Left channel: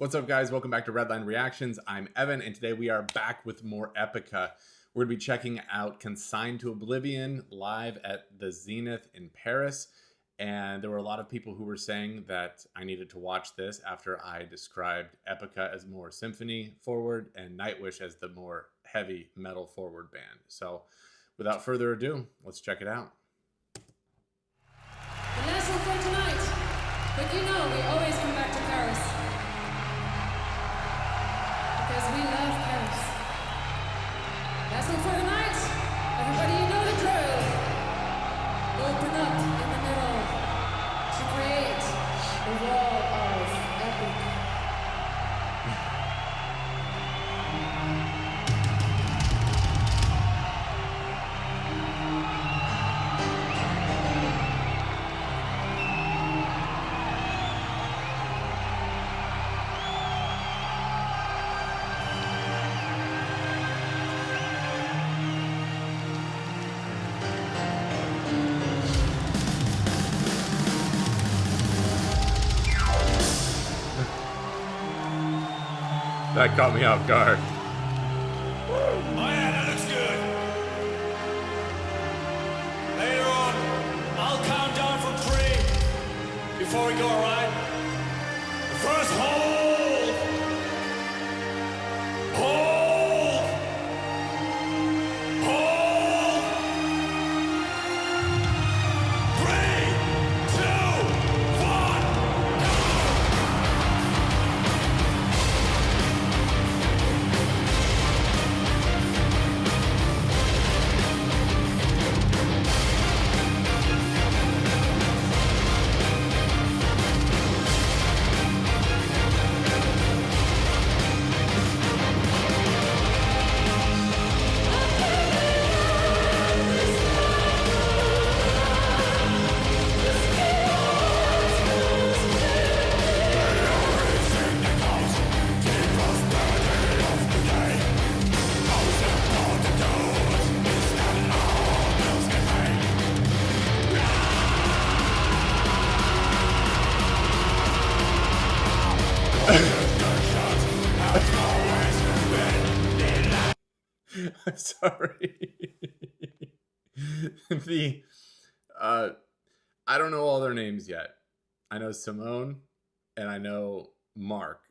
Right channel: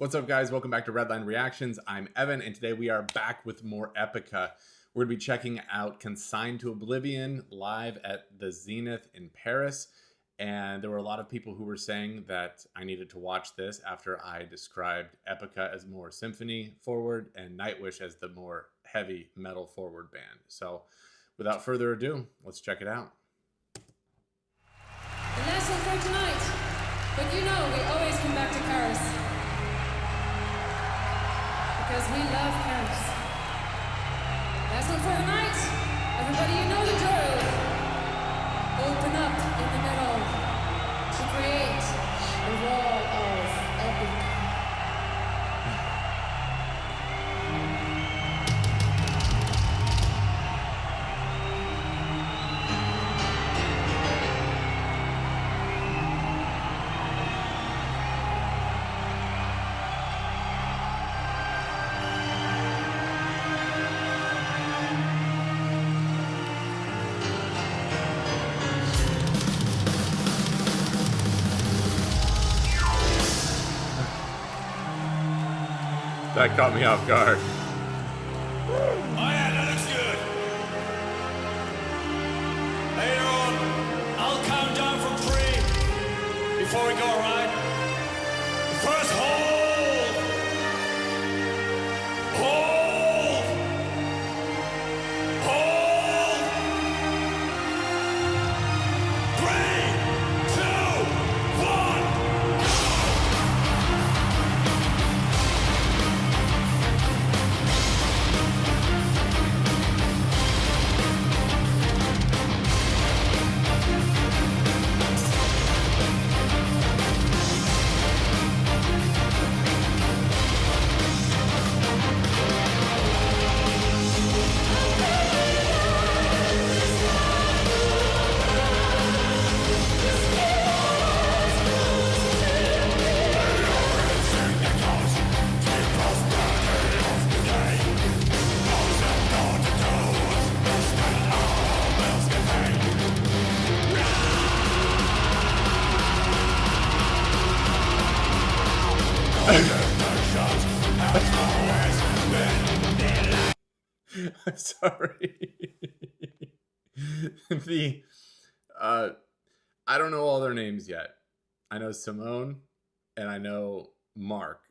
What's up, guys? Welcome back to Redline Reactions. I'm Evan, and today we are back with more Epica. We're going to be checking out Consign to Oblivion live at the Zenith in Paris. And there were a lot of people who were saying that I needed to watch this after I described Epica as more symphony forward and Nightwish as the more heavy metal forward band. So without further ado, let's check it out. The last one for tonight. But you know, we always come back to Paris. Because we love Paris. Last one for tonight. Everybody, you know the drill. Open up in the middle to create the wall of Epica. That caught me off guard. Oh yeah, that looks good. Later on, I'll count down from 3 before we go, alright? The first hold! Hold! Hold! 3, 2, 1, go! I'm sorry. I don't know all their names yet. I know Simone and I know Mark.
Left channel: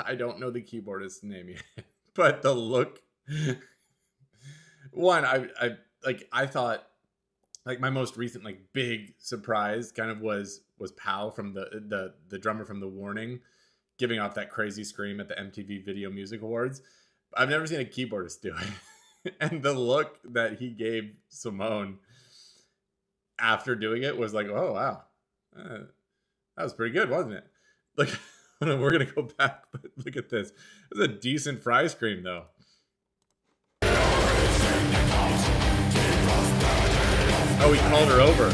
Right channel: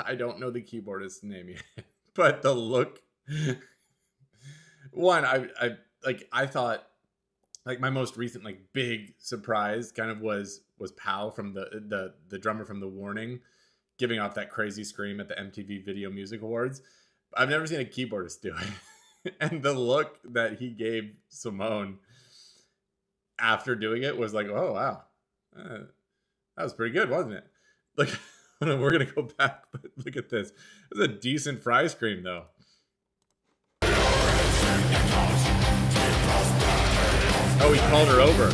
I don't know the keyboardist's name yet. But the look, one, I thought like my most recent like big surprise kind of was Pow from the drummer from The Warning giving off that crazy scream at the MTV Video Music Awards. I've never seen a keyboardist do it. And the look that he gave Simone after doing it was like, oh, wow. That was pretty good, wasn't it? Like, we're going to go back, but look at this. It's a decent fry scream, though. Oh, he called her over.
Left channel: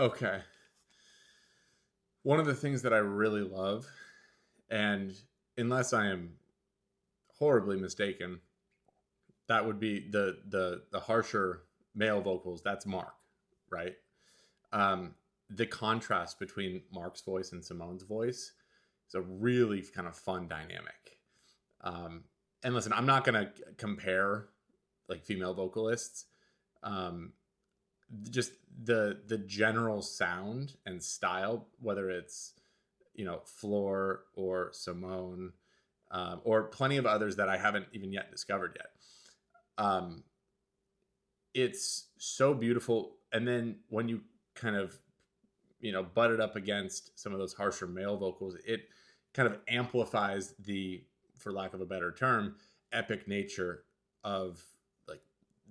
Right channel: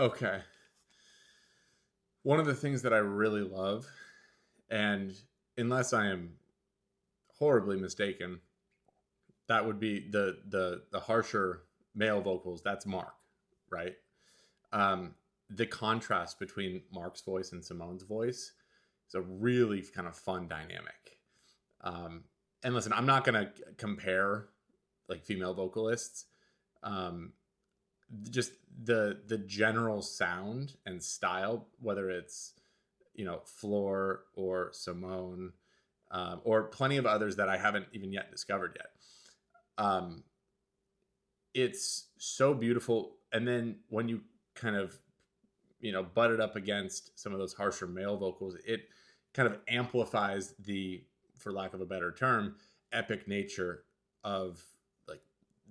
Okay. One of the things that I really love, and unless I am horribly mistaken, that would be the harsher male vocals. That's Mark, right? The contrast between Mark's voice and Simone's voice is a really kind of fun dynamic. And listen, I'm not gonna compare like female vocalists. Just the general sound and style, whether it's Floor or Simone, or plenty of others that I haven't even yet discovered yet. It's so beautiful. And then when you kind of butt it up against some of those harsher male vocals, it kind of amplifies the, for lack of a better term, epic nature of like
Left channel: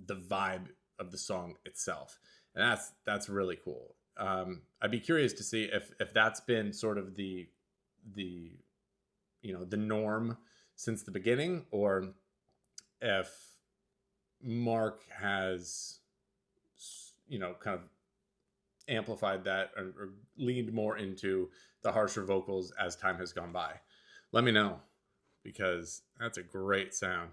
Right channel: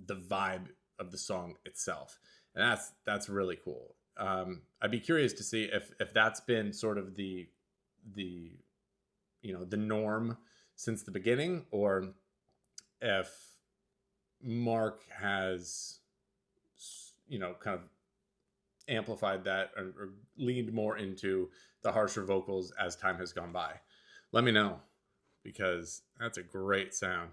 the vibe of the song itself. And that's really cool. I'd be curious to see if that's been sort of the norm since the beginning, or if Mark has kind of amplified that or leaned more into the harsher vocals as time has gone by. Let me know, because that's a great sound.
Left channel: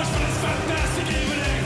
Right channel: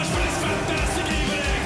For this fantastic evening.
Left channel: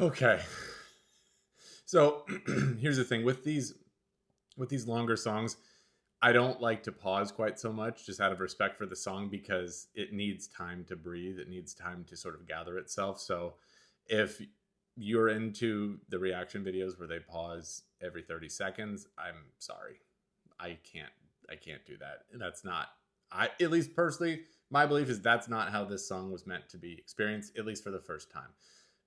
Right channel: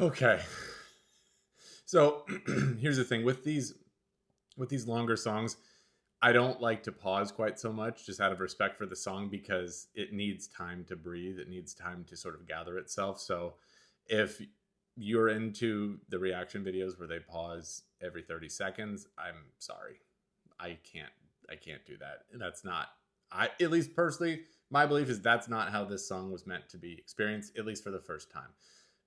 Okay. So here's the thing with these longer songs, I don't like to pause quite so much, just out of respect for the song, because it needs time to breathe. It needs time to sort of gather itself. So if you're into the reaction videos where they pause every 30 seconds, I'm sorry. I can't do that. That's not, at least personally, my belief is that's not how this song was meant to be experienced, at least for the first time.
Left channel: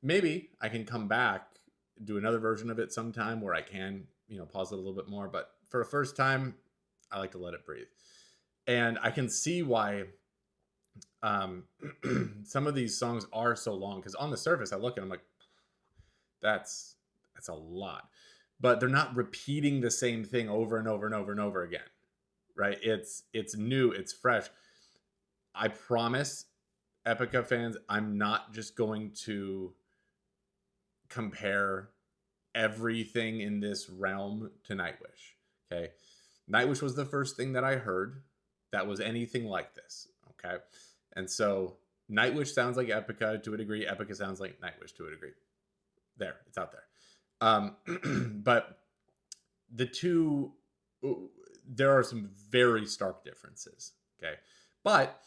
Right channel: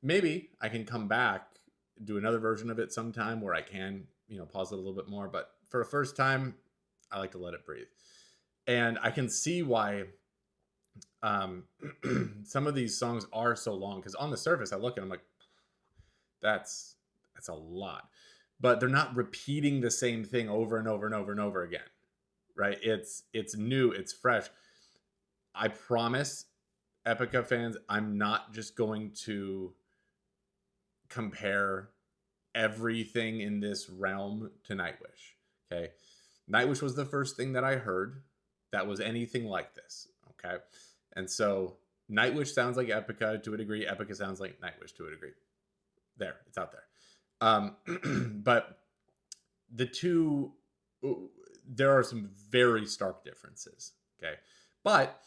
Maybe I can come back, do another version of it sometime where I can, pause it a little bit more, but for a first time, I like to let it breathe. And I can see why some of these songs are so long, because on the surface I look and I'm like, that's a lot. But they're not repeating the same thing over and over and over and over again. Right? It's new, it's fresh. I promise, Epica fans, I'm not just going to compare everything in this realm to Nightwish. Okay? Nightwish was the first thing that I heard that was anything like this. Okay? And so Nightwish sounds like Epica to a degree. Epica sounds like Nightwish to a degree. There, it's out there. But the two, there are some very stark differences. Okay? But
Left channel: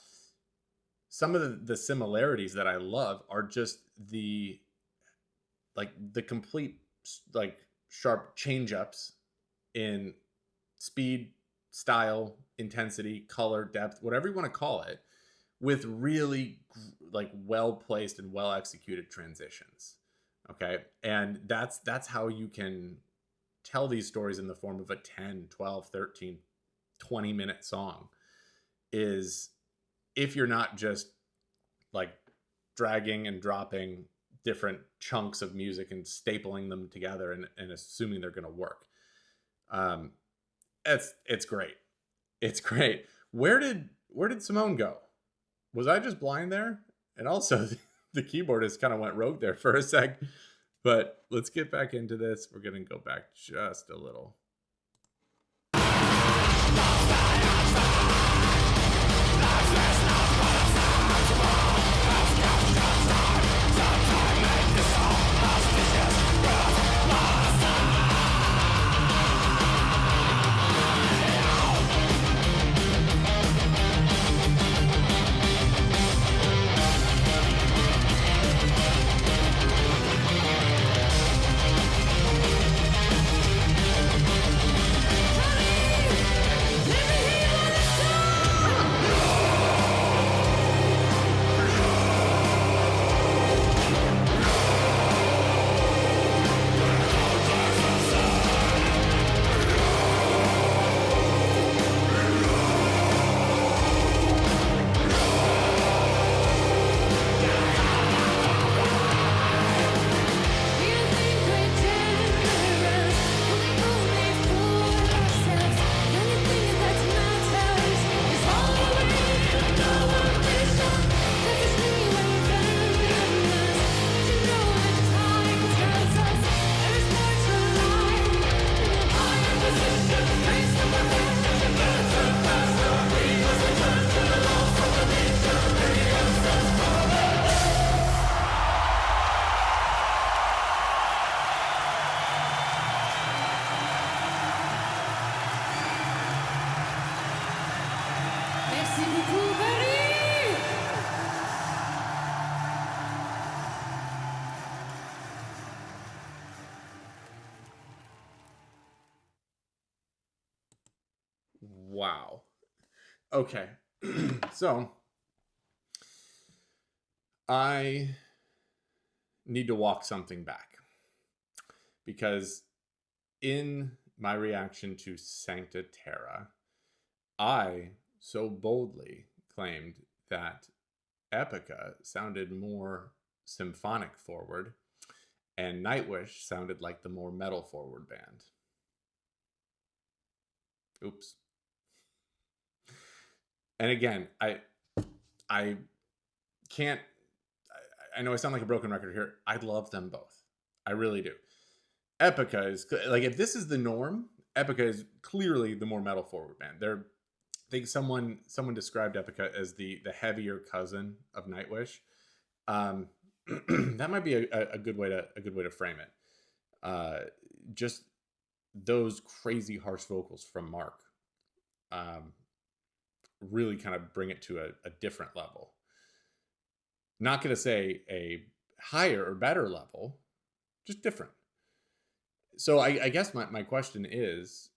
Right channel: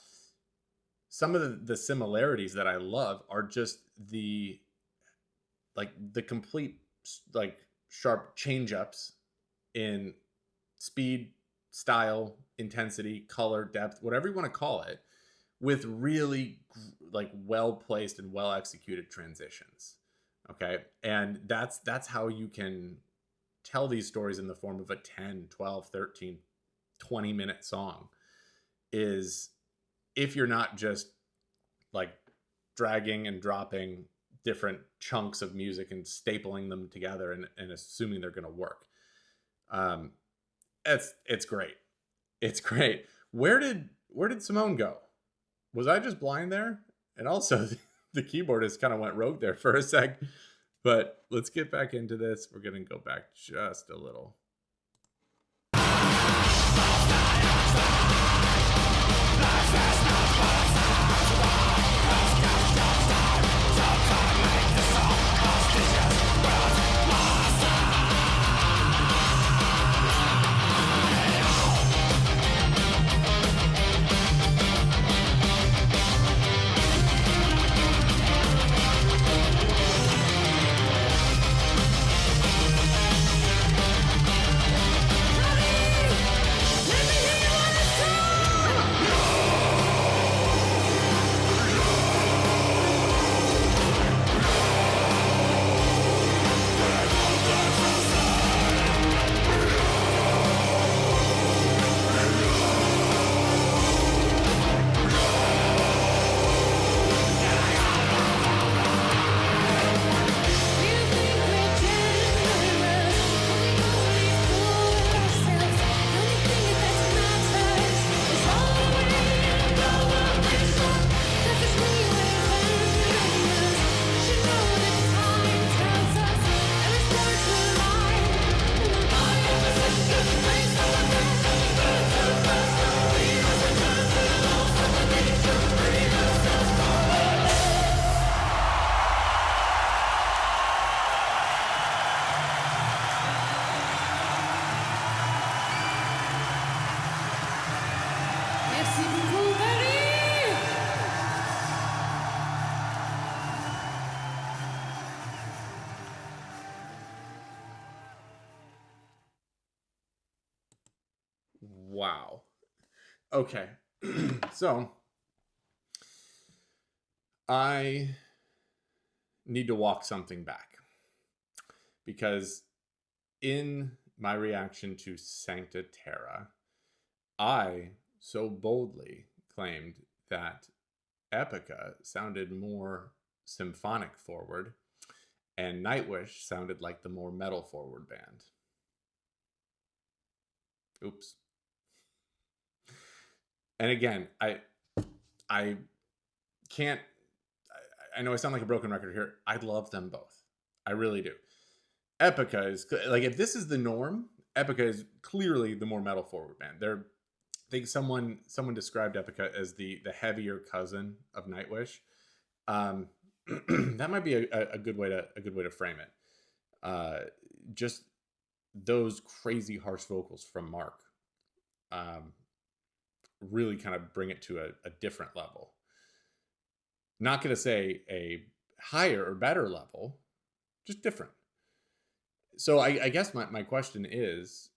some of the similarities that I love are just the complete sharp change-ups in speed, style, intensity, color, depth, whatever you want to call it, with really well-placed and well-executed transitions. Okay? And that's how you can tell these stories in the form of a 10, 12, 13, 20-minute song, is if you're not just dragging and dropping different chunks of music and stapling them together and assuming they're going to work. It's great. It's great. Where did Simone go? Was I just blind there? And also the keyboardist kind of went rogue there for a sec, but let's get back into this. We're going to go back just a little. Merci beaucoup, Paris! Wow. Okay. So I need to walk something back, because in my reaction to Sancta Terra, I so boldly claimed that Epica sounded more symphonic forward and Nightwish sounded like the more metal forward band. Oops. And again, I can't, I know I sound like a broken record here. I love them both. I really do. Epica is, if this is the norm, Epica is clearly the more metal forward band. I think someone described Epica as the heavier cousin of Nightwish. that might be a good way to frame it. Just those crazy harsh vocals from Mark really kind of bring it to a different level. Not going to say a higher or better level, just different. So I guess my question is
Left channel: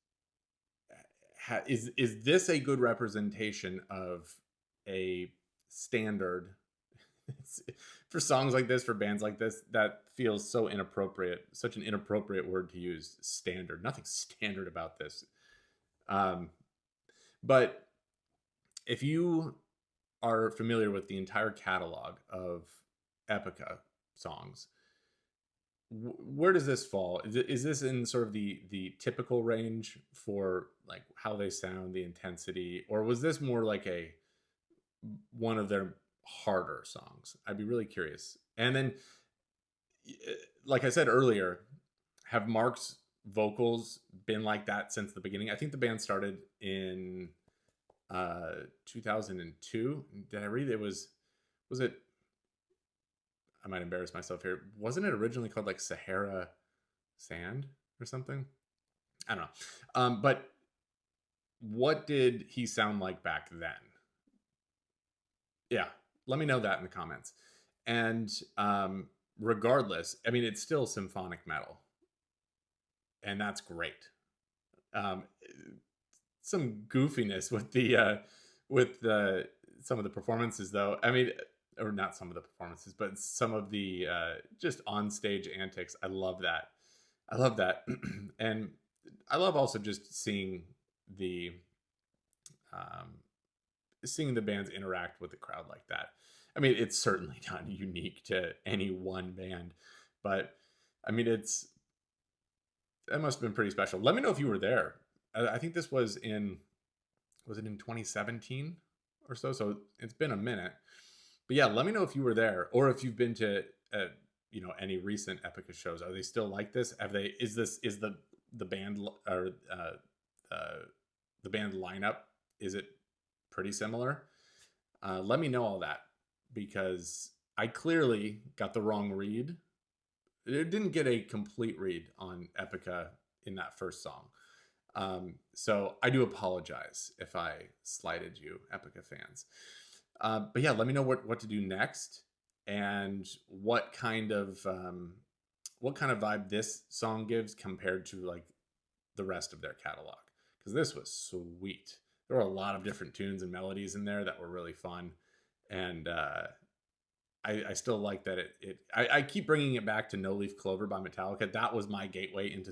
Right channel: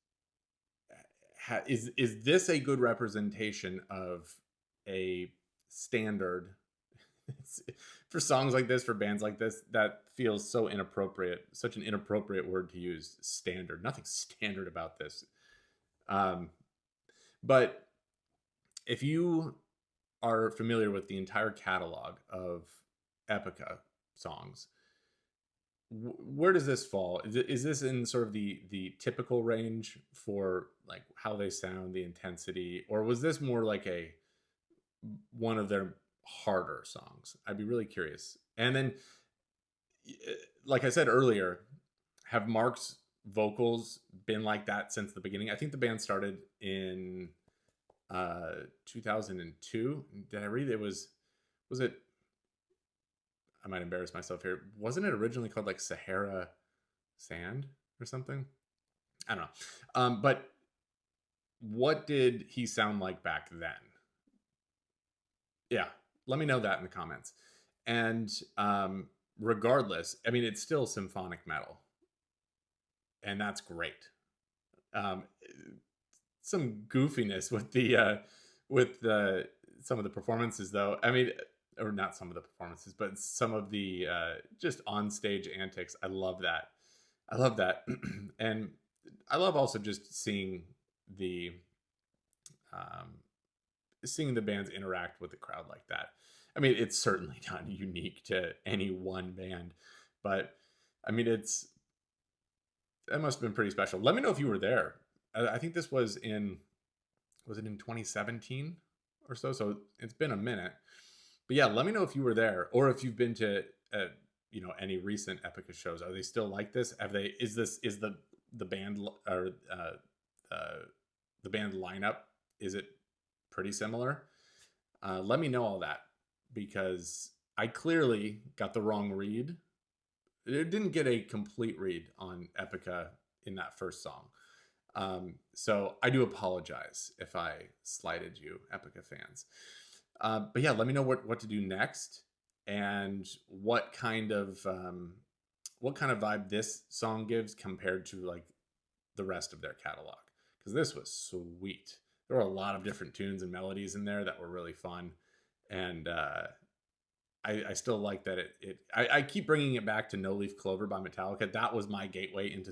this a good representation of a standard for songs like this, for bands like this? That feels so inappropriate, such an inappropriate word to use. Standard, nothing standard about this. But if you are familiar with the entire catalog of Epica songs, where does this fall? Is this in sort of the typical range for like how they sound, the intensity, or was this more like one of their harder songs? I'd be really curious. And then, like I said earlier, have Mark's vocals been like that since the beginning? I think the band started in 2002. Did I read it was it, I might embarrass myself here, wasn't it originally called like Sahara Sand or something? I don't know. But what did he sound like back then? Yeah, let me know that in the comments. And regardless, I mean, it's still symphonic metal, and that's great. Some goofiness with some of the performances, though. I mean, or not some of the performances, but some of the just on stage antics. I love that. And I love also just seeing the bands interact with the crowd like that. I mean, it's certainly not unique to any one band, but I mean, that must have been pretty special. Let me know if you were there. I think this was it in 2017 or so? So it's been a minute. But yeah, let me know if you were there, or if you've been to any recent Epica shows. Are they still like this? Is the band or the band lineup, is it pretty similar? Let me know all that, because I clearly got the wrong read. It didn't get a complete read on Epica in that first song. So I do apologize if I slighted you, Epica fans. But yeah, let me know what to do next, and what kind of vibe this song gives compared to like the rest of their catalog, because this was sweet. There were a lot of different tunes and melodies in there that were really fun, and I still like that I keep bringing it back to No Leaf Clover by Metallica. That was my gateway into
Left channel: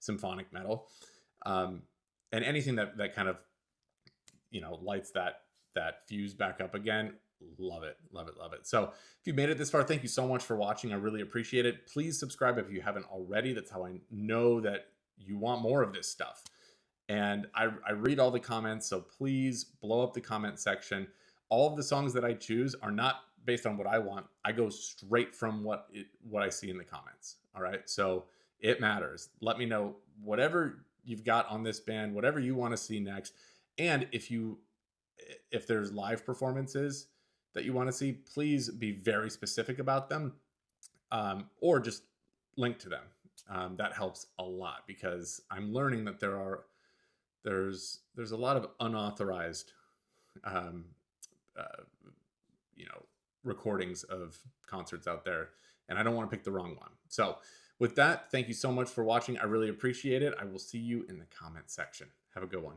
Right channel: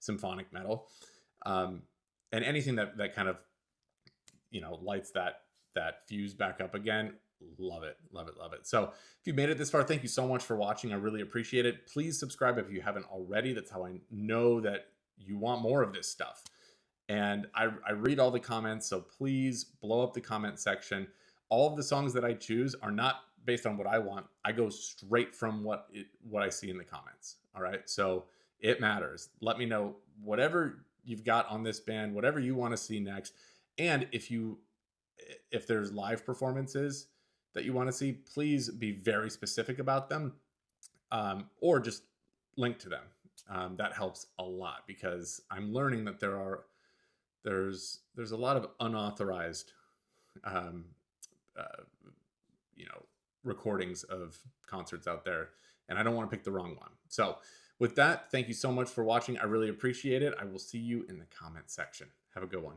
symphonic metal, and anything that kind of lights that fuse back up again. Love it. So if you made it this far, thank you so much for watching. I really appreciate it. Please subscribe if you haven't already. That's how I know that you want more of this stuff. And I read all the comments, so please blow up the comment section. All of the songs that I choose are not based on what I want. I go straight from what I see in the comments. All right, so it matters. Let me know whatever you've got on this band, whatever you want to see next. And if there's live performances that you want to see, please be very specific about them, or just link to them. That helps a lot, because I'm learning that there's a lot of unauthorized recordings of concerts out there, and I don't want to pick the wrong one. So with that, thank you so much for watching. I really appreciate it. I will see you in the comment section. Have a good one.